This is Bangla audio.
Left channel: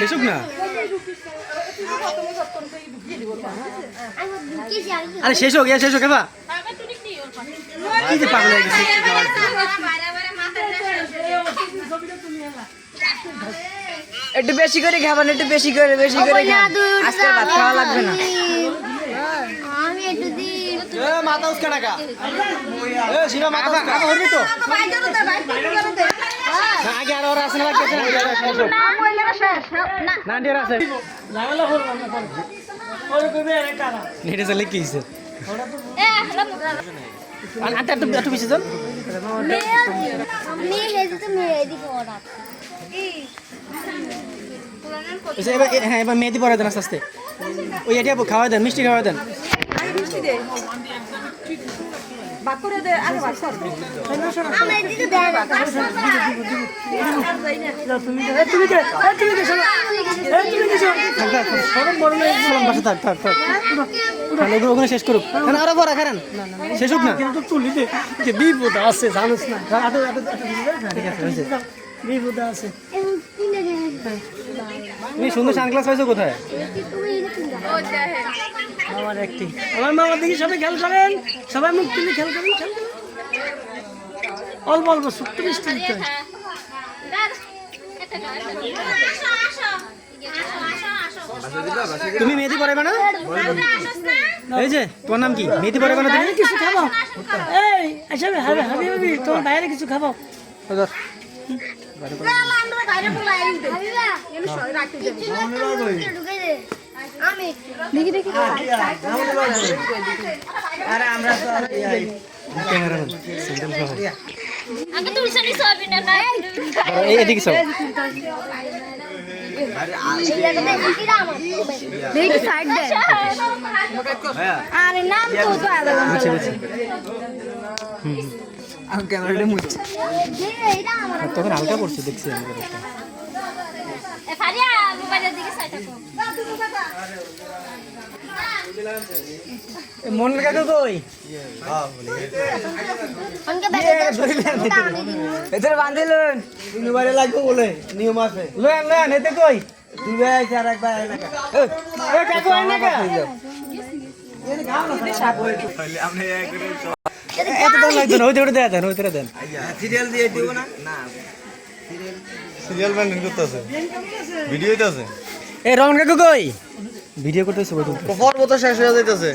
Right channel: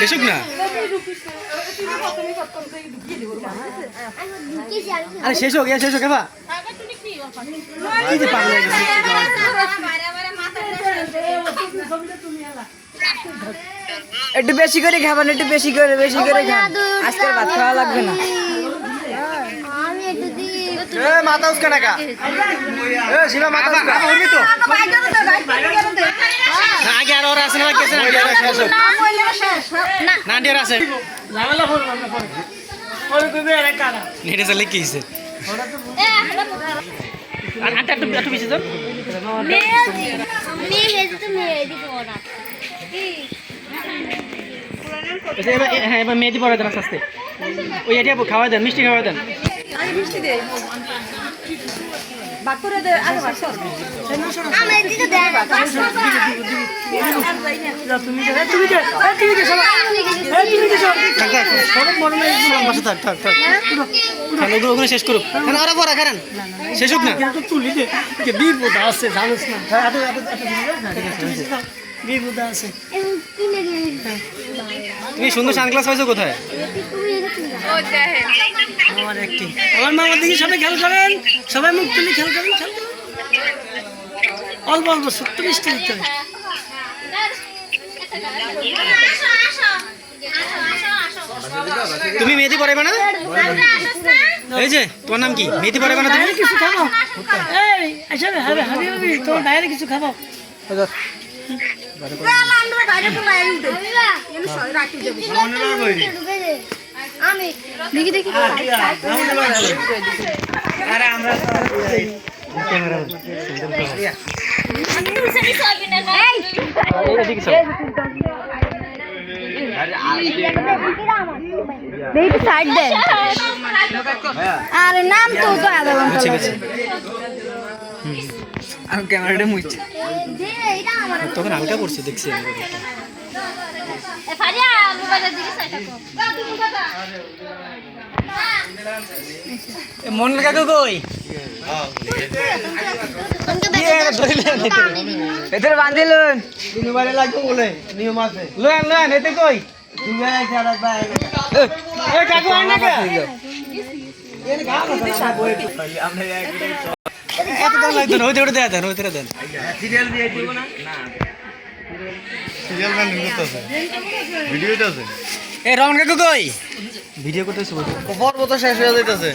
শেষক না আরে শেষ হোক শেষ হোক এবার একটু বেশি করে খাবেন, একটু বেশি করে খান, আজকের ভাত খাওয়া লাগবে না। মাথা উস্কা টাকা শিবা মাথা উস্কা হবি তো আগে আর ওরা আছে না গেছে না শেষ হোক না ডিয়ার আছে ঝামেলা করব না পরে পরে কইবে আরে কারা নেটে চলে কি হইছে ওরা তো একটু বেশি যান হ্যাঁ এবার মেহেদি পরে দেন আস্তে আস্তে ওই এটা খাওয়া দেন মিষ্টি খাওয়া দেন ওখানে শেষ করুক আরো পড়া খারান শেষ হোক না বিপদ আছে জানোস না বিপদ আছে তুমি সুন্দর সানগ্লাস পাইছো কোথায় আমার একটি আমার মামার দিকে সবাই খেয়াল করেন সবাই মুখ তুলে খেয়াল করেন অল্প অল্প ছোট্ট মিষ্টি দিতে হবে তুমি মেহেদি পরাইবে না এই যে তোমার নাম কি মেহেদি পরাইবে না তুমি কিছু খাবো এই আচ্ছা হবে হবে হবে তোমার বাইরে কিছু খাবো দেখি দেখি আরে নাম তো আমি ক্যামেরাটা মুছছি তখন হালকা করছে দেখছি মন কাকু কই এদের বাঁধিলুন তিনবারে লাগবে বলে নিয়ম আছে লোন লোন এতে কই দুবে আছে আর একবার এই কাকু আয় না কা এর গাও না সারা বই একটু খাইলে আপনি এত দাম লাগতো না ওইটা দেন ওইটা দেন সিরিয়াল দিয়ে দিব না না সিরিয়াল বান করতেছে ভিডিওতে আছে এই রমন কাকু কই ভিডিও করতেছে পর্ব তো শেষ হয়ে যাইতেছে